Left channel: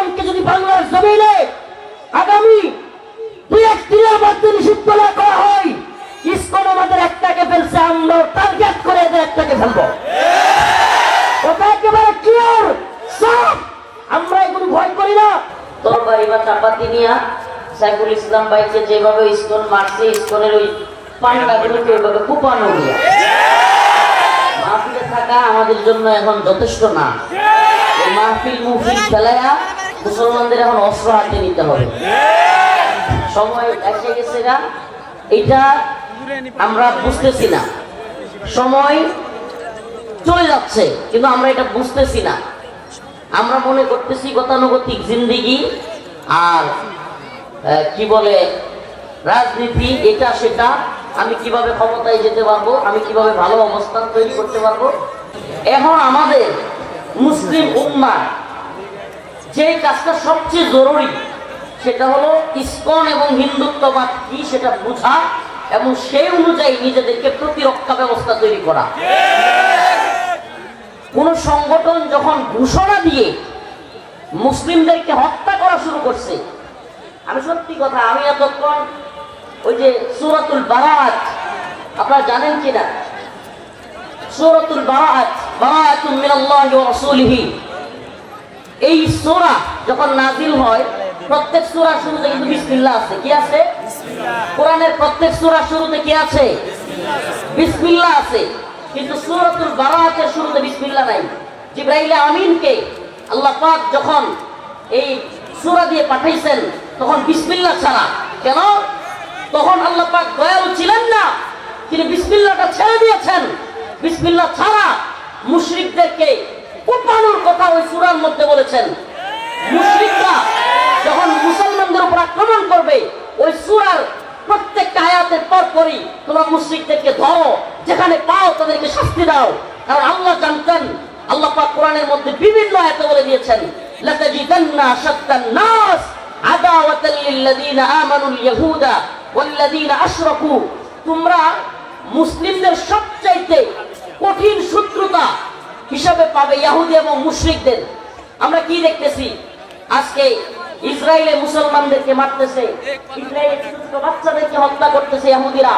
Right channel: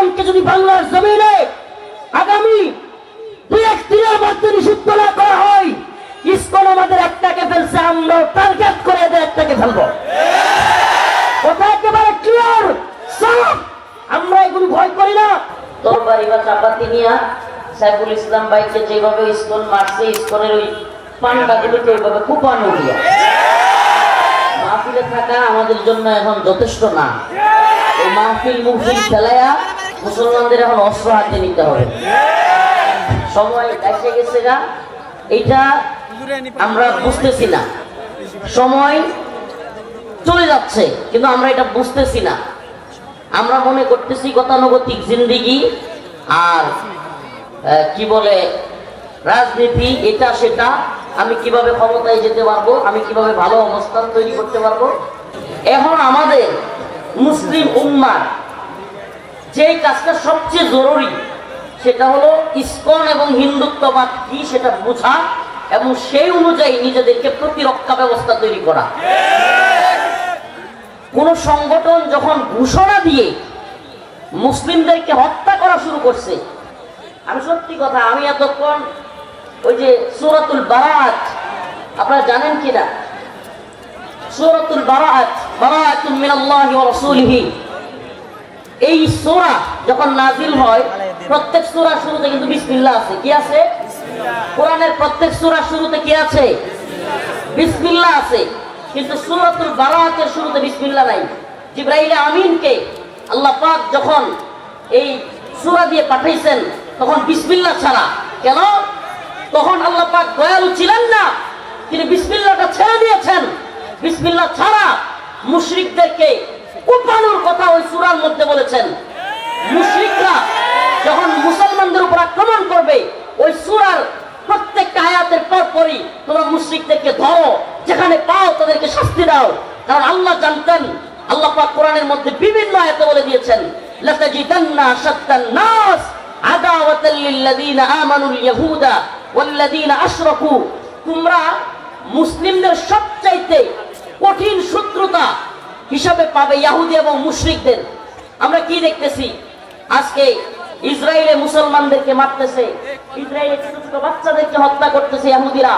ইসকনকে যদি বাংলার জমিনে আগামী 2-1 দিনের মধ্যে নিষিদ্ধ না করা হয়, ইসকন আমাদের একটাকে ফেলছে, আমরা টার্গেট করে একটাকে ফেলবো। ওটা একেবারে ক্লিয়ার সব। আমরা এগুলো ভয় করি না। তরবারি বা চাপাতি নিয়ে সাইফুল ইসলাম ভাইকে যেভাবে ইসকন মারছে, ইসকনের ওই পান্ডাগুলোকে ওইভাবে কুপানো দিয়া মাহফিলে থাকা আমাদের জন্য এখন যথেষ্ট না। এই মাহফিল ফেলাইয়া মুসলমানদের এখন অস্ত্র হাতে নিতে হবে। সময় এসে গেছে গা, এটা আমরা বুঝতেছি না। সময় চলে যাচ্ছে কিন্তু আমরা এটা বুঝতেছি না। আমরা মনে করতেছি গতানুগতিক জিন্দিগি আর কি বলে রাজনীতি, এটা সেটা, আমি কিভাবে ক্ষমতায় যেতে পারবো, আমি কিভাবে ভালো অবস্থান তৈরি করতে পারবো। এখন আমাদের মুসলিম উম্মার যে কাজটা সবচেয়ে জরুরি সেটা হলো ইসকন এবং হিন্দুত্ববাদ কি সেটা বোঝা এবং সেই অনুযায়ী নিজেদেরকে প্রতিরক্ষা ব্যবস্থা তৈরি করা। কোন সংগঠন যখন ঘোষণা দিয়ে মুসলিমদেরকে হত্যা করা শুরু করছে, আমি সত্যি কথা, আমি এতক্ষণ ওই যে সূরাতুল বারাআত আপনারা জানেন কিনা, সূরাতুল বারাআত, বারাআতুম মিনাল্লাহি ওয়া রাসূলিহি, এই সূরা যখন নাযিল হয় প্রত্যেক সূরার শুরুতে কিন্তু বিসমিল্লাহ আছে। কি আছে? কোরআনের প্রত্যেক সূরার শুরুতে কি আছে? বিসমিল্লাহ আছে। কিন্তু সূরাতুল বারাআতের শুরুতে বিসমিল্লাহ নাই। জিবরাইল আমিনকে আল্লাহ পাক যখন এই সূরা দিয়ে পাঠাইছেন তখন বিসমিল্লাহ ছাড়া। কেন? তখন আল্লাহ পাক দয়ালু ছিলেন না, তিনি বিসমিল্লাহটা ছেড়ে দিয়েছেন। বিসমিল্লাহ ছাড়া মুশরিকদেরকে কুপানোর কথা ওই সূরার মধ্যে বলেছেন। মুশরিকরা যখন মুসলমানদের উপর আক্রমণ করবে ওই সূরার প্রত্যেকটা আয়াতের পরপরই তোমরা মুশরিকদেরকে ধরো, যেখানে পাও তাদেরকে শাস্তি দাও। কারণ আল্লাহ জানতেন, আল্লাহ পাক কোরআনের মধ্যে বিভিন্ন আয়াতে বলে দিয়েছেন, লাতাজিদান্না আশাদ্দান নাস আদাওয়াতাল লিল্লাযিনা আমানুল ইয়াহুদা ওয়াল্লাযিনা আশরাকু, তোমরা মুসলিমদের সবচাইতে কঠিন শত্রুতা হিসাবে পাবে ইহুদি এবং মুশরিকদের। আমরা কি দেখতেছি আজকে? ইসরায়েলে মুসলমানদেরকে মারতেছে, ইসরায়েলে ছোট ছোট বাচ্চাদেরকে হত্যা করতেছে ইহুদিরা।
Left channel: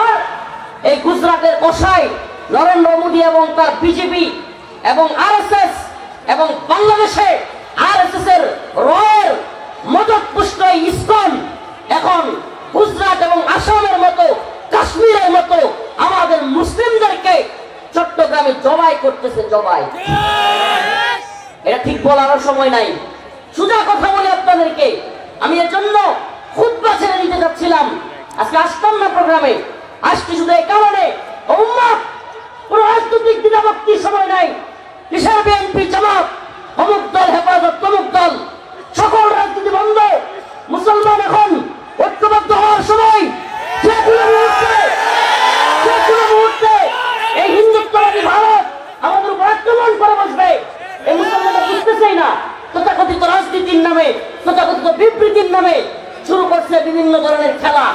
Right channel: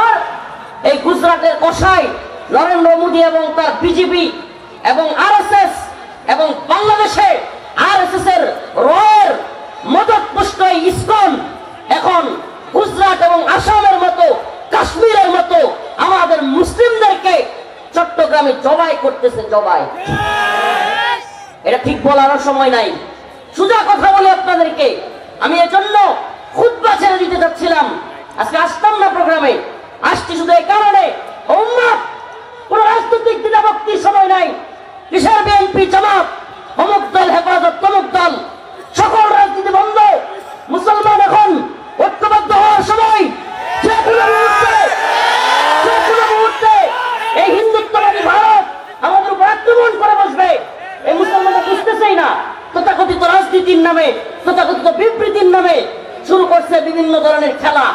আর এই গুজরাটের কসাই নরেন্দ্র মোদী এবং তার বিজেপি এবং আরএসএস এবং বাংলাদেশে আরএসএস এর রয়ের মদতপুষ্ট ইসকন এখন গুজরাট এবং আসামের মতো, কাশ্মীরের মতো আমাদের মুসলিমদেরকে চট্টগ্রামে জবাই করতেছে। জবাই, এটা ঠিক বলার সময় নাই। সোজা কথা বলি আপনাদেরকে, আমি এজন্য খুতবা ছেড়ে দিতে যাচ্ছিলাম, আজকে আসতাম না প্রোগ্রামে। আসছি শুধু এই কারণে, উম্মাহ কোন রাজনৈতিক দ্বিধাভক্তির সময় নাই। কিসের বিএনপি, জামাত, অমুক দল, হেফাজত, তমুক দল, সকল রাজনীতি বন্ধ। মুসলমান এখন ঐক্যবদ্ধ হওয়ার সময়। যে কোনো মুহূর্তে এই হিন্দুত্ববাদী ভারত আমাদের উপর আক্রমণ করে বসবে। এই মুসলমানরা বুঝতেছেই না, তথাকথিত রাজনীতির নামে, তথাকথিত বিবৃতির নামে শুরু করছে বিভিন্ন ধরনের খেলা।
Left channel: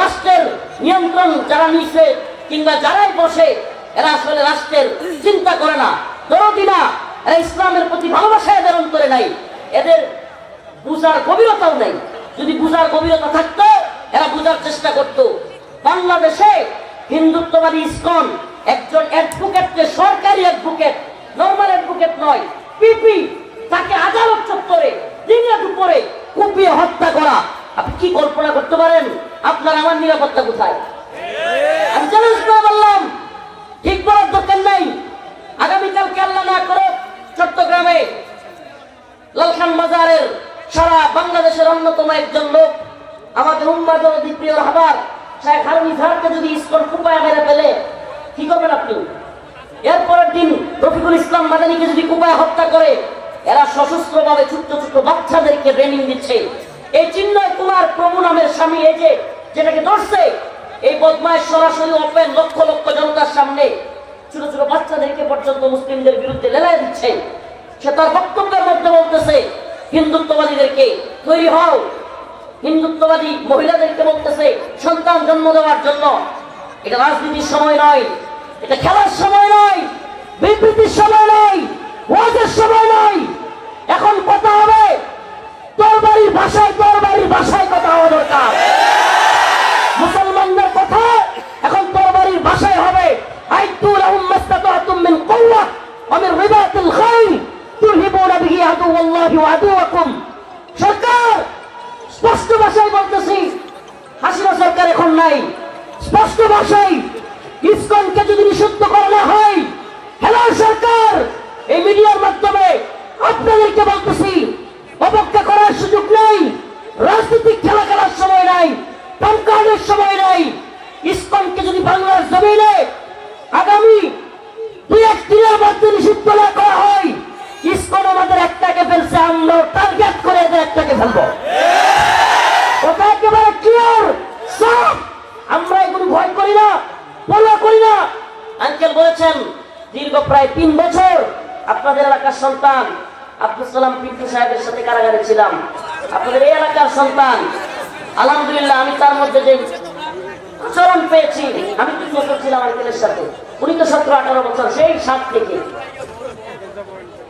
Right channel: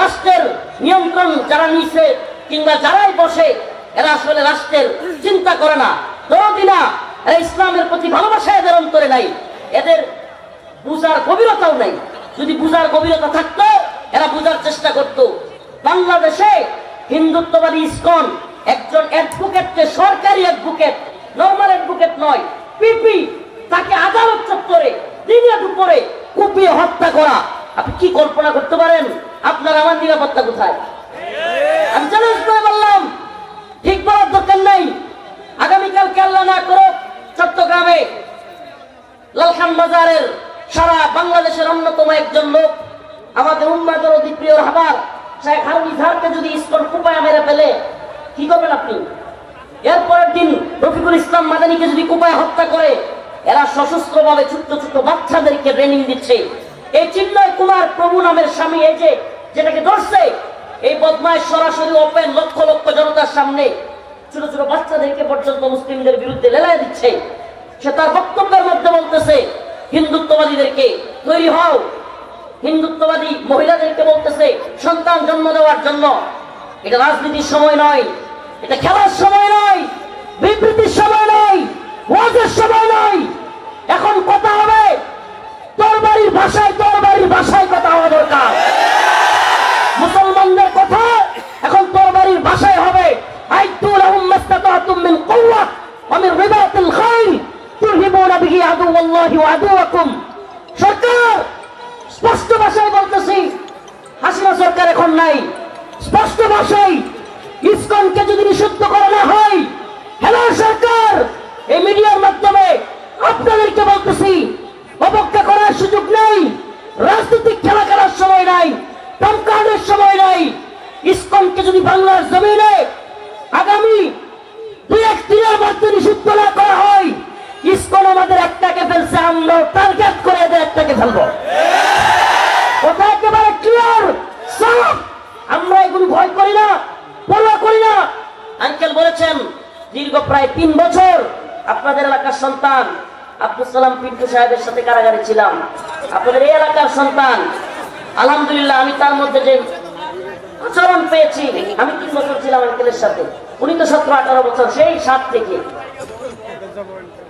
রাষ্ট্রের নিয়ন্ত্রণ যারা নিচ্ছে কিংবা যারাই বসে, এরা আসলে রাষ্ট্রের চিন্তা করে না, দরদি না, এরা ইসলামের প্রতি ভালোবাসা এদের অন্তরে নাই, এদের বুঝার গভীরতাও নেই। যদি বুঝার গভীরতা থাকতো এরা বুঝার চেষ্টা করত। বাংলাদেশে হিন্দুত্ববাদী ইসকন একজন অ্যাডভোকেটকে, সরকারি অ্যাডভোকেট, নরমাল অ্যাডভোকেট নয়, পিপি, তাকে আদালত চত্বরে দিনে দুপুরে কুপিয়ে হত্যা করা। আপনি কি কল্পনা করতে পারেন? আপনার আমার নিরাপত্তা কোথায়? আমি চ্যালেঞ্জ করে বললাম, ঠিক বলার দরকার নাই। আগামীকাল কেল্লা না করো চট্টগ্রামে লালখান বাজারের সারা বাংলাদেশের অন্যতম একজন লোক, আমাদের উম্মাদের অতি প্রিয় রাহবার শেখ হারুন ইজহারকে যদি ইসকন কুপায় মেরে ফেলে কি করবেন আপনি? এরপরের দিন রফিকুল ইসলাম মাদানীকে যদি কুপায় হত্যা করে, এরা সশস্ত্র ভাবে ছোট্ট ছোট্ট বাচ্চাদেরকে ট্রেনিং দিচ্ছে। এই চিন্ময় কুমার প্রভু নামের স্বামী, এই যে যেটাকে ধরছে, এই বদমাইশ সরাসরি ওপেন লক্ষ লক্ষ জনতার সামনে ছোট ছোট বাচ্চাদেরকে পর্যন্ত মুসলিমদের বিরুদ্ধে লেলায় দিচ্ছে। সে তার বক্তব্যের মধ্যে বলতেছে হিন্দুত্ববাদীদেরকে তৈরি হও, হিন্দুত্ববাদী মহিলাদেরকে বলতেছে সন্তান জন্ম দেওয়ার জন্য। এটা রাজনীতির সময় নয়, এটা খেলার সময় নয়, বিবৃতির সময় নয়, ওয়াজের সময় নয়। এখন কথা হবে তরবারির ভাষায় কথা হওয়া দরকার। মুসলমানদের কথা এখন তরবারির ভাষায় হবে। আইতু লাহুম মাস্তাতাতুম মিন কুওয়া ওয়া মিন রিবাতিল খাইল তুরহিবুনা বিহি আদুওয়াল্লাহি ওয়া আদুওয়াকুম। সরকার স্পষ্ট ভাষায় বলতেছি, হাসিনা সরকার এখন নাই। স্পষ্ট ভাষায় ইসকনকে যদি নিষিদ্ধ করা না হয়, হ্যালো সরকার, এই মিডিয়ার মাধ্যমে আপনাদেরকে বলতেছি, অপেক্ষা করার সুযোগ নেই, রাজনৈতিক খেলা খেলার সময় নাই, টঙ্কানোর সময় নাই। ইসকনকে যদি বাংলার জমিনে আগামী 2-1 দিনের মধ্যে নিষিদ্ধ না করা হয়, ইসকন আমাদের একটাকে ফেলছে, আমরা টার্গেট করে একটাকে ফেলবো। ওটা একেবারে ক্লিয়ার সব। আমরা এগুলো ভয় করি না, পরোয়া করি না। আঙ্কেল বলেছেন দীর্ঘ প্রায় 3 বছর আপনাদের এলাকার সন্তান আব্দুল সালাম পিন্টু সাহেবের সাথে কারাগারে ছিলাম। আপনাদের এই এলাকার সন্তান, আলহামদুলিল্লাহ আমি তার মধ্যে যে আচরণ পেয়েছি, আমি 3 বছর ছিলাম আঙ্কেলের সাথে, উনি তো 17-18 বছর, সেই 7 থেকে।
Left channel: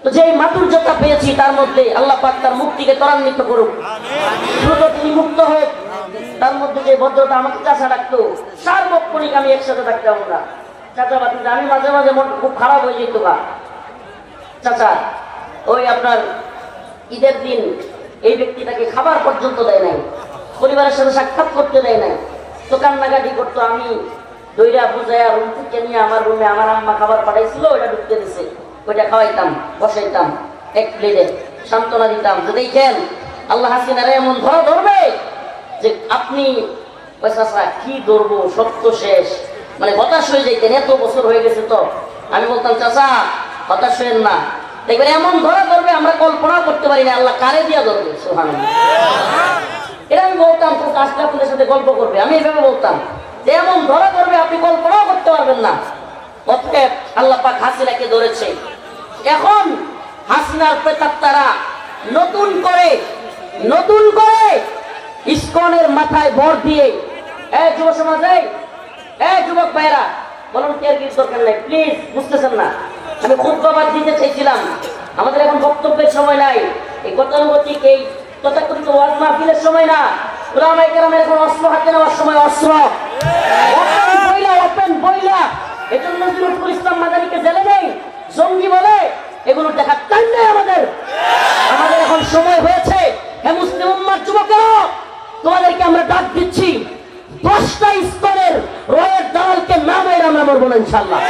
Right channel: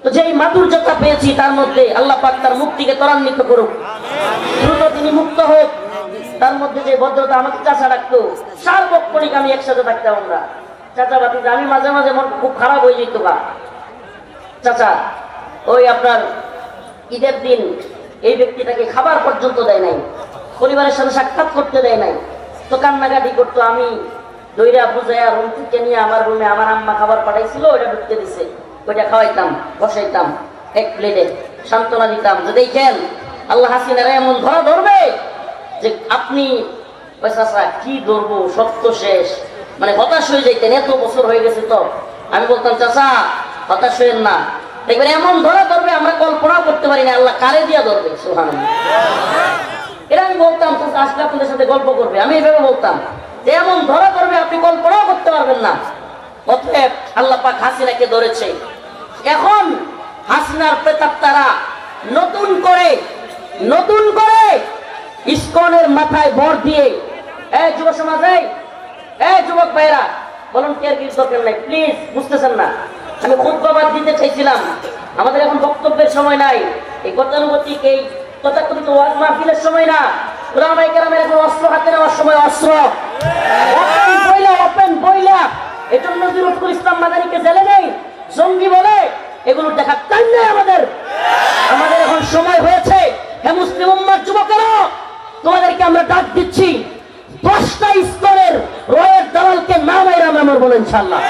তো যেই মাধুর্যতা পেয়েছি তার মধ্যে, আল্লাহ পাক তার মুক্তিকে ত্বরান্বিত করুক, দ্রুত তিনি মুক্ত হোক। তার মধ্যে যে ভদ্রতা, আমাকে চাচা ডাকতো, সার্বক্ষণিক আমি একসাথে থাকতাম। আমরা চাচা বাতিতে, আমি মাঝে মাঝে মন খুব খারাপ হয়ে যেত বা চাচা ওই আপনার ঈদের দিন এই ব্যক্তিটাকে খাবার পর্যন্ত দেয় নাই, পরিবারের সাথে সাক্ষাৎ করতে দেয় নাই, তো কান্নাকাটি করতো। আমি দইরা বুঝাইয়া রুম থেকে নিয়ে আমার রুমে আমার আম্মা খাবার পাঠাইছিল, ওইটা ঢুকতে দিছে, ওইটা খাওয়াইতাম, বসাইতাম, এক প্লেটে সান্ত্বনা দিতাম যে দেখেন আল্লাহ হাসিনারে এমন ধরা ধরবে যে আপনি কি ধরবো, সব তো শেষ, মানে হতাশ হয়ে যাইতেন। এত বছর হয়ে গেছে তো আমি বলতাম চাচা হতাশ হইেন না, দেখবেন এমন ধরা ধরবে আমরা কল্পনা করতে পারি না, আল্লাহ কারে দিয়া ধরবে। সুবহানাল্লাহ, এটা আমি বলতাম। আজকে আপনাদের সাথে গল্প করবে, আমি এভাবে বলতাম যে এমন ধরা ধরবে আপনি কল্পনাও করতে পারবেন না। অতএব আল্লাহ পাক হাসিনাকে ধরেছে। এখন হাসিনার প্রেতাত্মারা নতুন করে ইসকনের মাথায় ভর দিয়ে, যুব সমাজে, যুবক ভাইরা, ভলান্টিয়ার কি দরকার নাই প্লিজ, বুঝতেছেন না। আমি খুতবাবাদ দিতে চাইছিলাম, আমাদের এখন বক্তব্যের সময় নাই, এই গতানুগতিক এই তথাকথিত ওয়াজ মাহফিলের সময় না। উলামায়ে কেরামের এখন অস্ত্র হাতে নেওয়ার সময়, অস্ত্র ওপেন বইলা। এজন্য নজরুল ইসলাম মাদারীকে জেলে নেই, জঙ্গি বলে এগুলো দেখার টাইম নেই আমাদের। এখন সময় হয়েছে, হে মুসলিম উম্মার যুবকেরা, তোমাদেরকে আমরা ডাক দিচ্ছি, 10টা স্তরের রয়ের দালালকে নামের আমরা মরবো ইনশাআল্লাহ।